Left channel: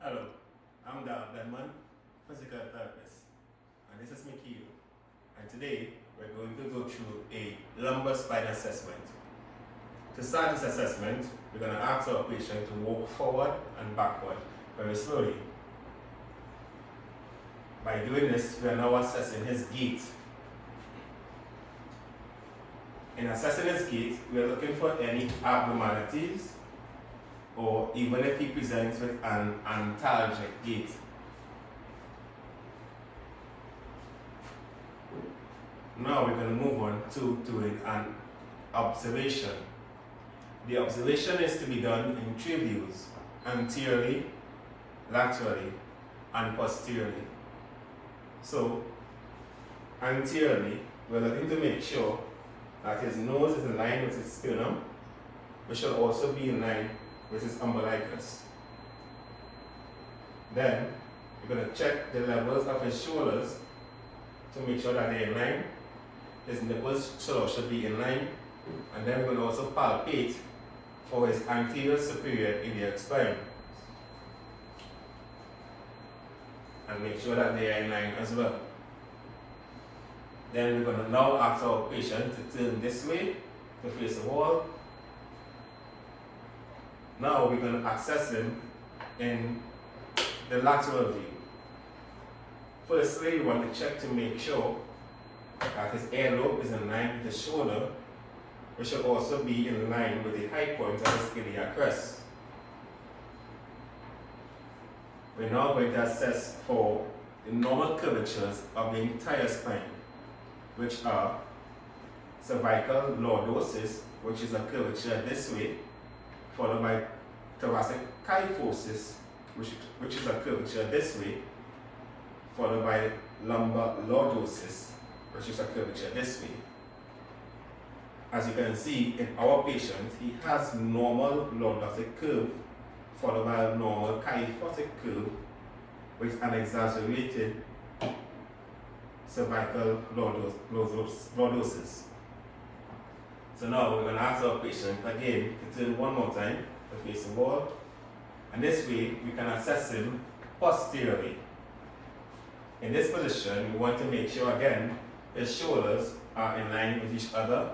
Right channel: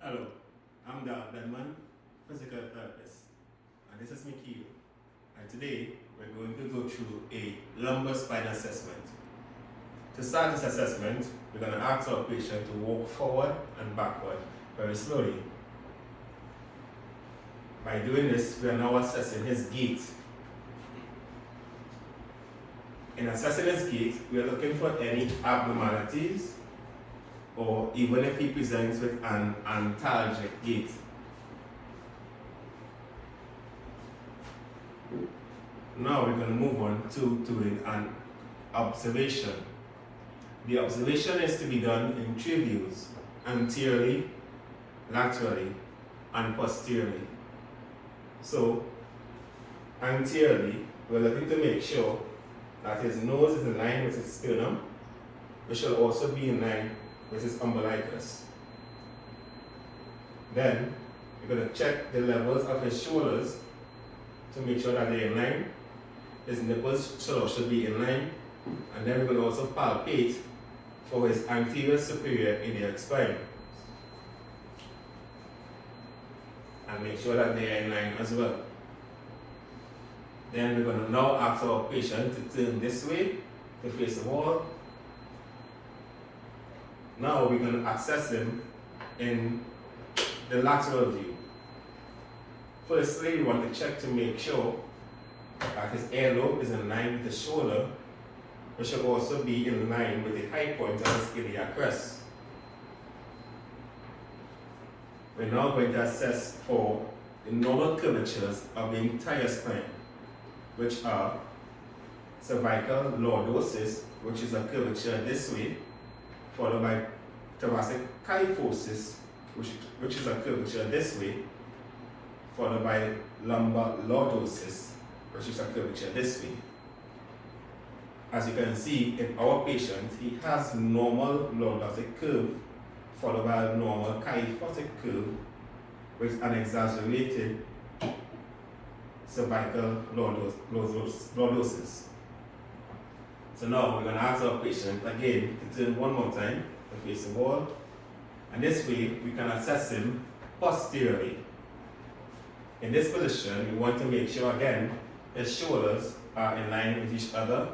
Hello, I'm Dan, physical therapist, and this is Mickey. And today we're going to go through a lumbar spine assessment. To start this assessment, we're going to ask our patient to walk forward and backward very slowly. By doing this, we are now assessing his gait. In assessing his gait, we are looking for any abnormalities, or even if he presents with an antalgic gait. Now we're going to move on to doing an observation. The observation is to be done in three views: anteriorly, laterally, and posteriorly. So, anteriorly, we're looking to make sure that his nose is in line with his sternum, which should also be in line with his umbilicus. Then, we're going to check the levels of his shoulders to make sure that they're in line. His nipples should be in line. And then we're going to also palpate for his anterior superior iliac spine and make sure that they are in line as well. Then we're going to now ask our patient to turn this way to face the wall. Now we're going to assess him in the lateral view. Firstly, we want to check to make sure that his earlobe is in line with the shoulder. It should also be in line with the high point of his iliac crest. We're now going to assess for the normal curvatures of the entire spine, which are cervical lordosis, which is a curvature this way, followed by thoracic kyphosis, which is a curvature this way, followed by lumbar lordosis, which is a curvature this way. As you can see in our patient, he has normal lordotic curve, followed by a normal kyphotic curve with an exaggerated cervical lordosis. So now we're going to ask our patient again to turn one more time to face the wall. And this way we can assess him posteriorly. In this position, we want to make sure again his shoulders are in line with each other,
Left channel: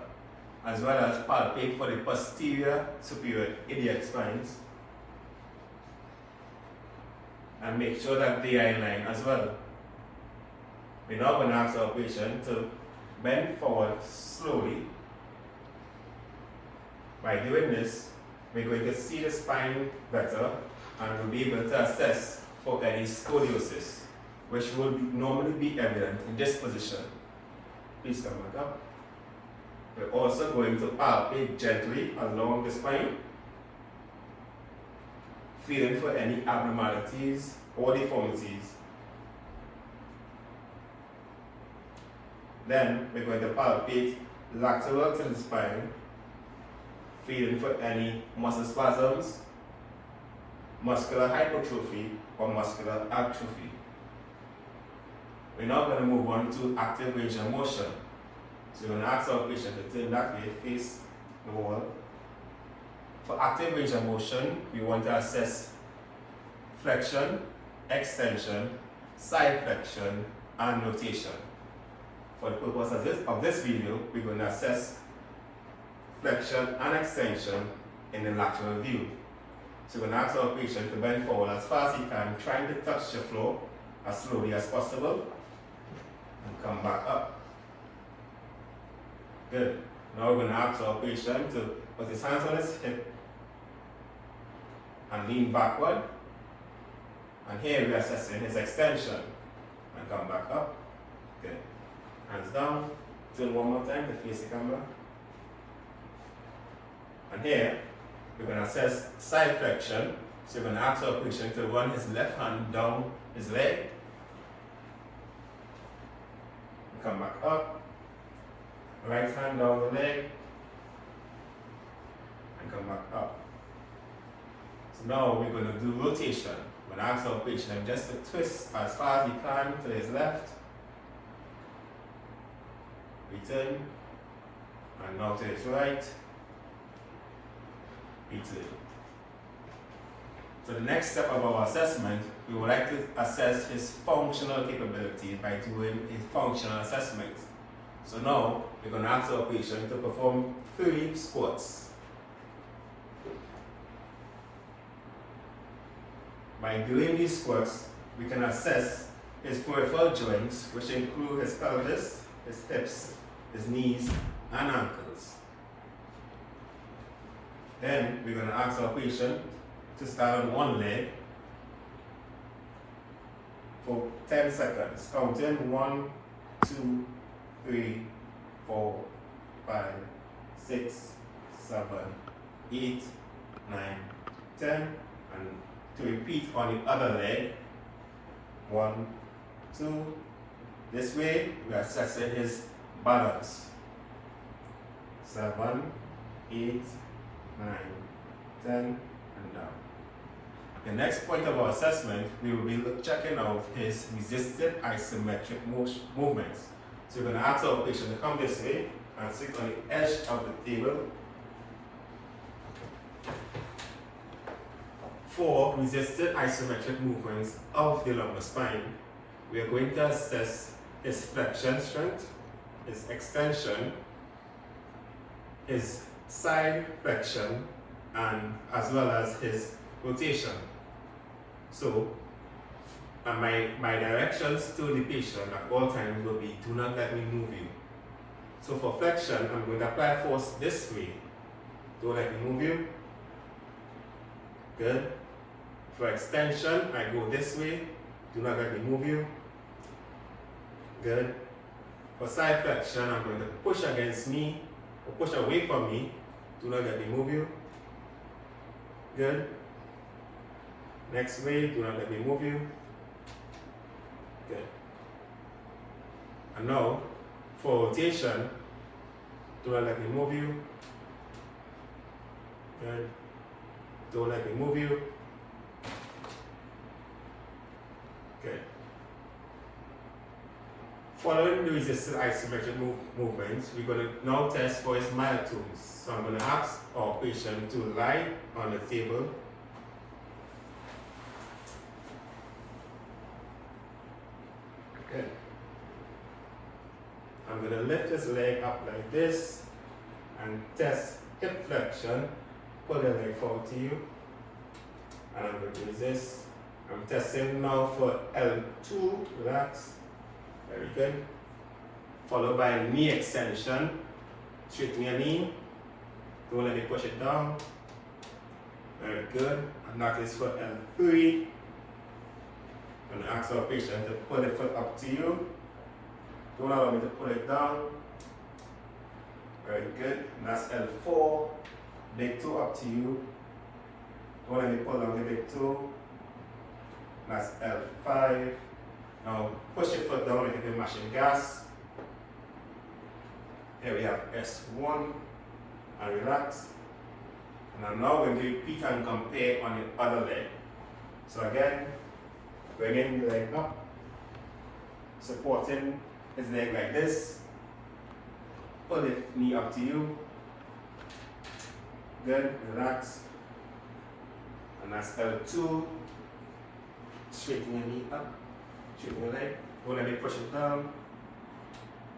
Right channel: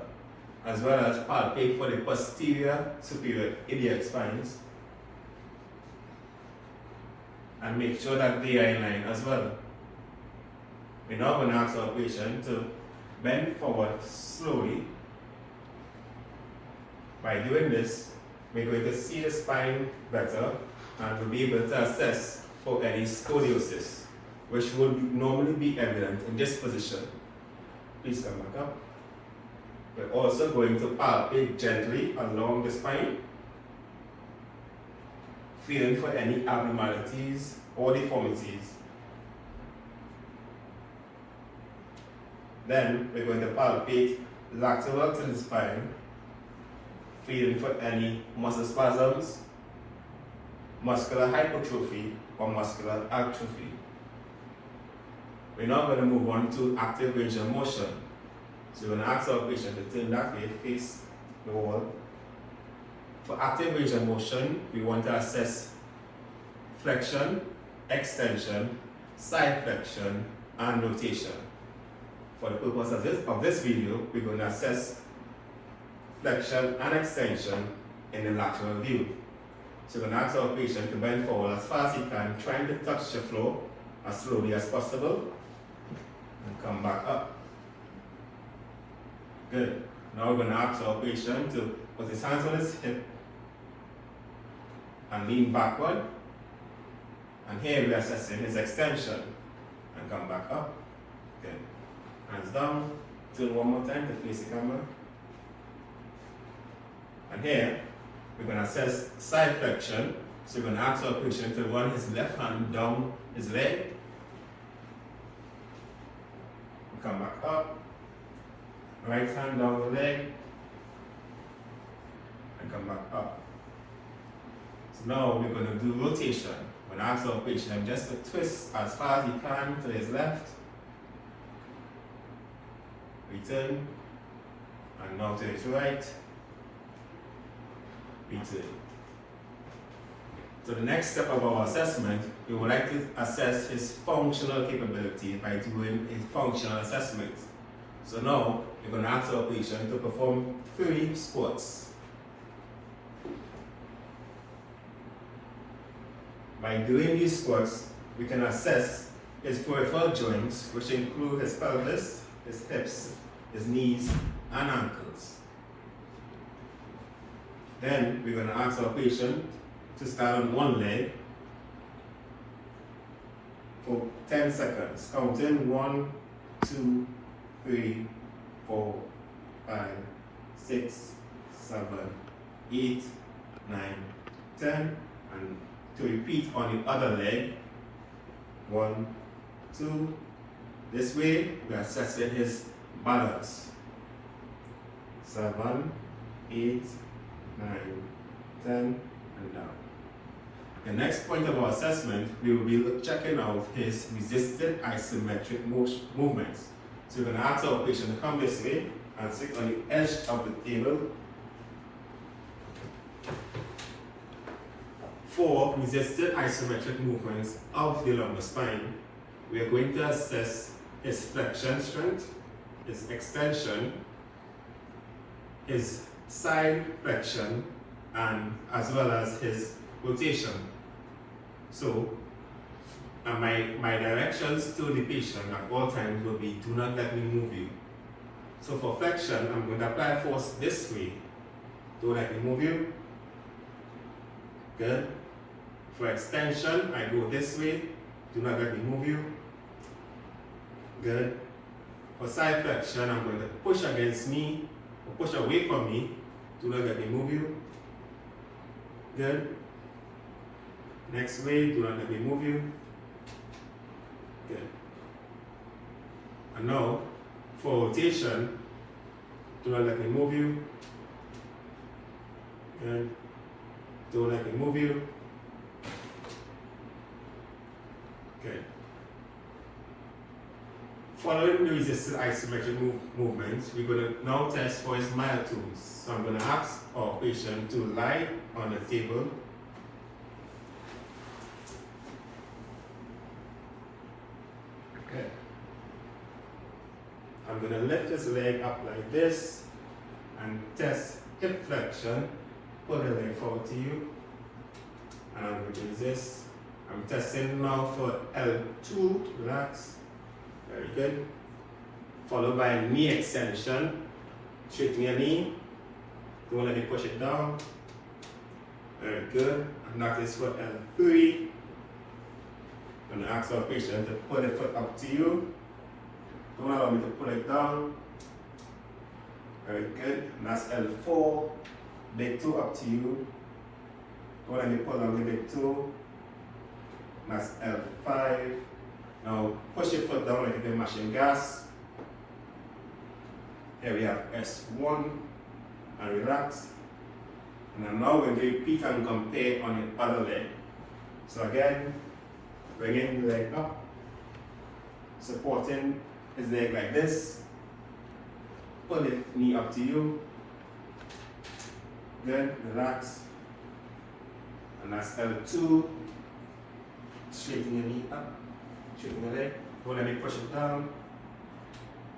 as well as palpate for the posterior superior iliac spines and make sure that they are in line as well. We're now going to ask our patient to bend forward slowly. By doing this, we're going to see the spine better and we'll be able to assess for any scoliosis, which would normally be evident in this position. Please come back up. We're also going to palpate gently along the spine, feeling for any abnormalities or deformities. Then we're going to palpate lateral to the spine, feeling for any muscle spasms, muscular hypertrophy, or muscular atrophy. We're now going to move on to active range of motion. So we're going to ask our patient to turn that way, face the wall. For active range of motion, we want to assess flexion, extension, side flexion, and rotation. For the purpose of this video, we're going to assess flexion and extension in the lateral view. So we're going to ask our patient to bend forward as far as he can, trying to touch the floor as slowly as possible, and come back up. Good. Now we're going to ask our patient to put his hands on his hip and lean backward. And here we're assessing his extension. And come back up. Good. Hands down. Turn one more time to face the camera. And here we're going to assess side flexion. So we're going to ask our patient to run his left hand down his leg. And come back up. Right hand down the leg. And come back up. So now we're going to do rotation. I'm going to ask our patient just to twist as far as he can to his left. Return. And now to his right. Return. So the next step of our assessment, we would like to assess his functional capability by doing a functional assessment. So now, we're going to ask our patient to perform 3 squats. By doing these squats, we can assess his peripheral joints, which include his pelvis, his hips, his knees, and ankles. Then we're going to ask our patient to stand on one leg for 10 seconds, counting 1, 2, 3, 4, 5, 6, 7, 8, 9, 10, and to repeat on the other leg. 1, 2. This way, we are assessing his balance. 7, 8, 9, 10, and down. The next point of our assessment, we will be checking out his resisted isometric movements. So we're going to ask our patient to come this way and sit on the edge of the table. For resisted isometric movements of the lumbar spine, we are going to assess his flexion strength, his extension, his side flexion, and as well as his rotation. So, my directions to the patient at all times will be, do not let me move you. So for flexion, I'm going to apply force this way. Don't let me move you. Good. For extension, I go this way. Do not let me move you. Good. For side flexion, I'm going to push against me or push away from me. Do not let me move you. Good. Next way, do not let me move you. Good. And now, for rotation, do not let me move you. Good. Don't let me move you. Good. Following the resisted isometric movements, we're going to now test for his myotomes. So I'm going to ask our patient to lie on the table. Okay. I'm going to lift his leg up like this and test hip flexion. Pull the leg forward to you. And I'm going to do this. I'm testing now for L2, relax. Very good. Followed by knee extension. Straighten your knee. Don't let me push it down. Very good. And that is for L3. I'm going to ask our patient to pull the foot up to you. Don't allow me to pull it down. Very good. And that's L4. Big toe up to you. Don't let me pull down the big toe. That's L5. Now push your foot down like you're mashing gas. Here we have S1 and relax. And I'm now going to repeat and compare on the other leg. So again, bringing the leg up, supporting his leg like this. Pull the knee up to you. Good, relax. And that's L2. Straighten your knee up. Straighten your leg. Don't let me push it down.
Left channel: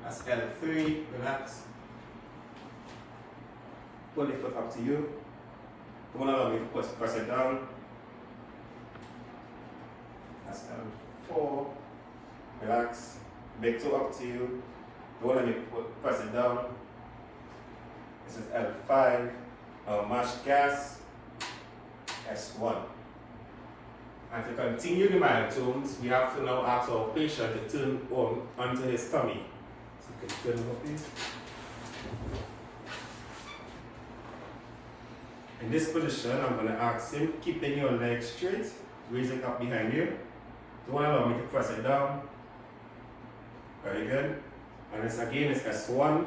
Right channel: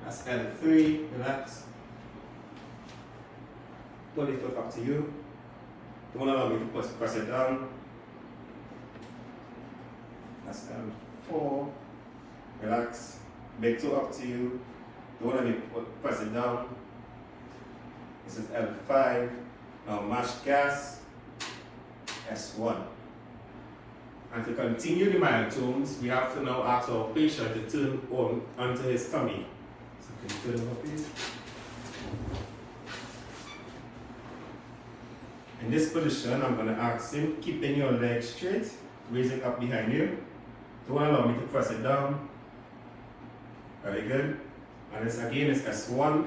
That's L3. Relax. Pull the foot up to you. Don't allow me to press it down. That's L4. Relax. Big toe up to you. Don't let me press it down. This is L5. Now mash gas. S1. And to continue the myotomes, we have to now ask our patient to turn onto his tummy. So you can turn over, please. In this position, I'm going to ask him, keeping your legs straight, raise it up behind you. Don't allow me to press it down. Very good. And this again is S1.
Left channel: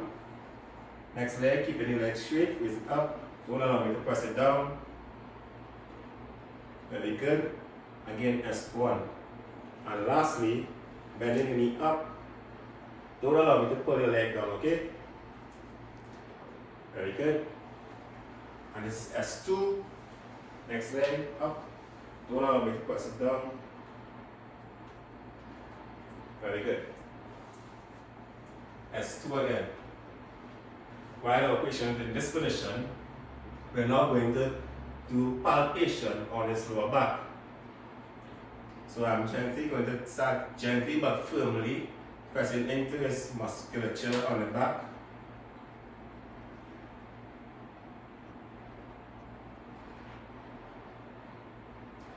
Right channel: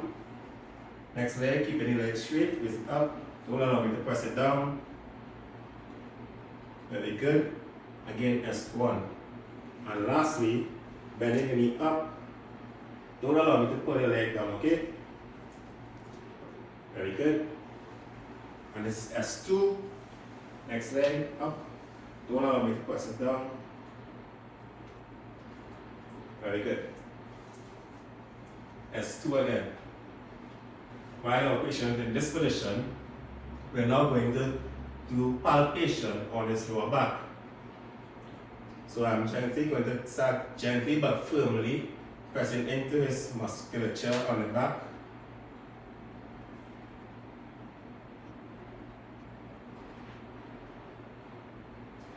Next leg, keeping your legs straight, raise it up. Don't allow me to press it down. Very good. Again, S1. And lastly, bending the knee up. Don't allow me to pull your leg down, okay? Very good. And this is S2. Next leg up. Don't allow me to press it down. Very good. S2 again. While our patient in this position, we're now going to do palpation on his lower back. So I'm going to start gently but firmly pressing into his musculature on the back.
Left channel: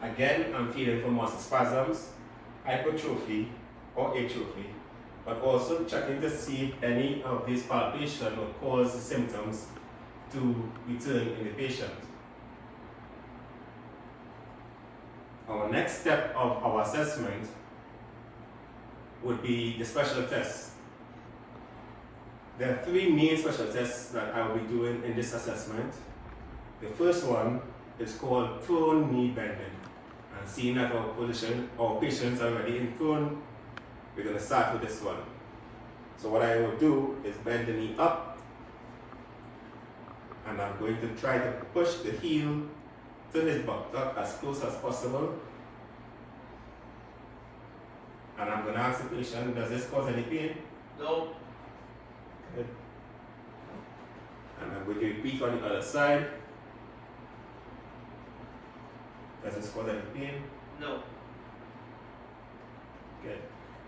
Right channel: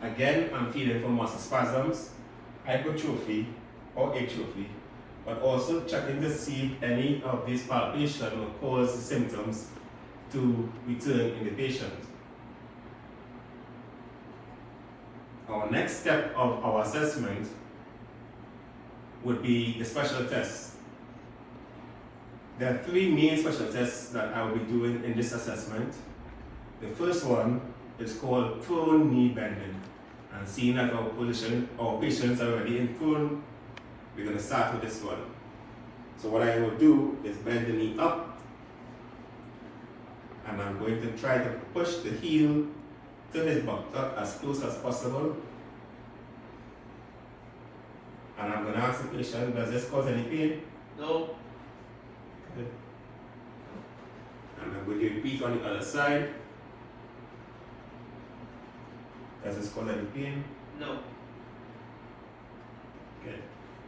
Again, I'm feeling for muscle spasms, hypertrophy or atrophy, but also checking to see if any of these palpation will cause the symptoms to return in the patient. Our next step of our assessment would be the special tests. There are three main special tests that I will be doing in this assessment. The first one is called prone knee bending. And seeing that our patients are already in prone, we're going to start with this one. So what I will do is bend the knee up, and I'm going to try to push the heel to his buttock as close as possible. And I'm going to ask the patient, does this cause any pain? No. Good. And I'm going to repeat on the other side. Does this cause any pain? No. Good.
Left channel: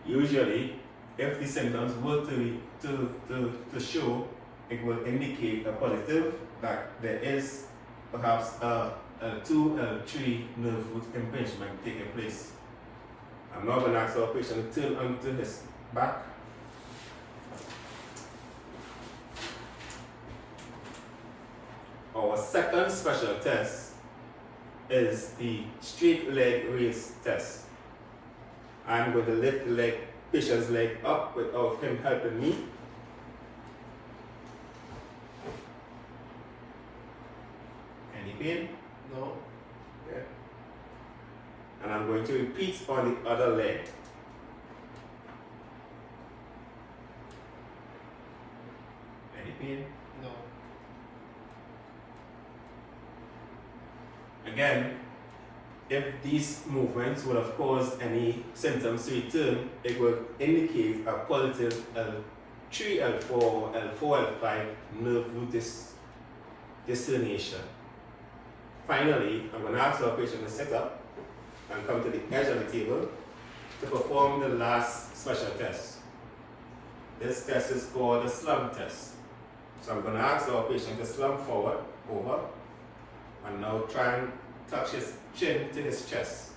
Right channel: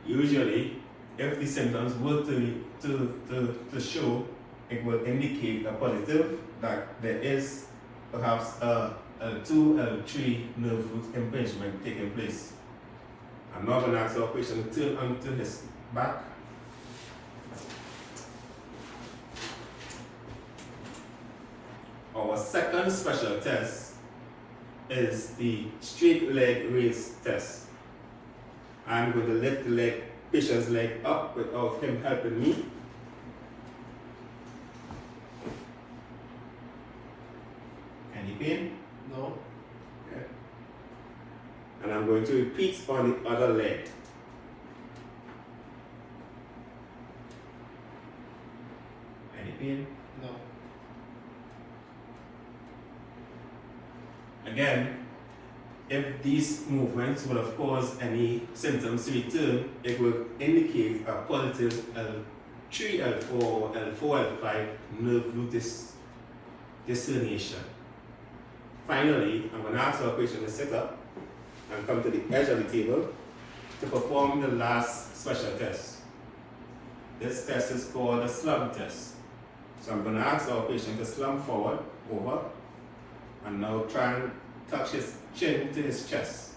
Usually, if the symptoms were to show, it will indicate a positive that there is perhaps a L2, L3 nerve root impingement taking place. I'm now going to ask our patient to turn onto his back. Our second special test is the straight leg raise test. I'm going to lift the patient's leg up without him helping me. Any pain? No. Yeah. And I'm going to repeat on the other leg. Any pain? No. Again, if these movements will have caused any symptoms to return, it will indicate a positive L3, L4, L4, L5 nerve root discerniation. Finally, I'm going to ask our patient to sit up and come to the edge of the table to perform the last special test. This test is called the slump test. So I'm going to ask our patient to slump forward, over, and now try and touch his chin to his chest.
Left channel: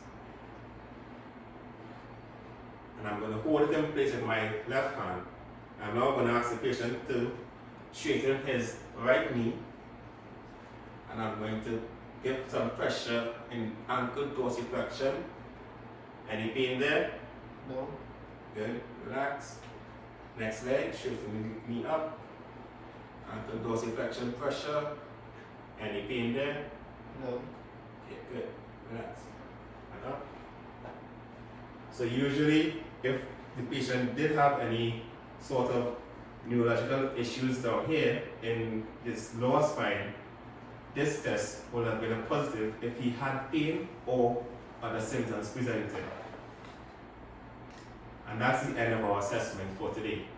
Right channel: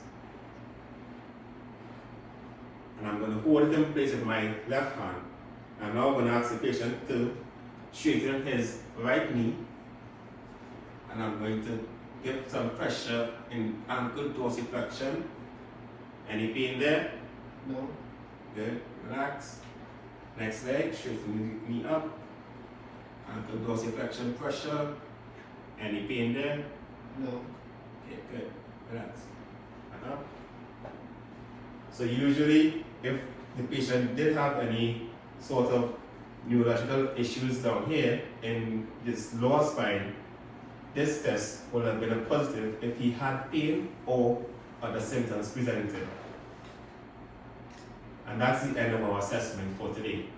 And I'm going to hold it in place with my left hand. I'm now going to ask the patient to straighten his right knee. And I'm going to give some pressure in ankle dorsiflexion. Any pain there? No. Good. Relax. Next leg, straighten the knee up. Ankle dorsiflexion pressure. Any pain there? No. Okay, good. Relax. Up. So usually, if the patient did have any sort of neurological issues down here in his lower spine, this test would have been a positive if he had pain or other symptoms presented. And that's the end of our assessment for today.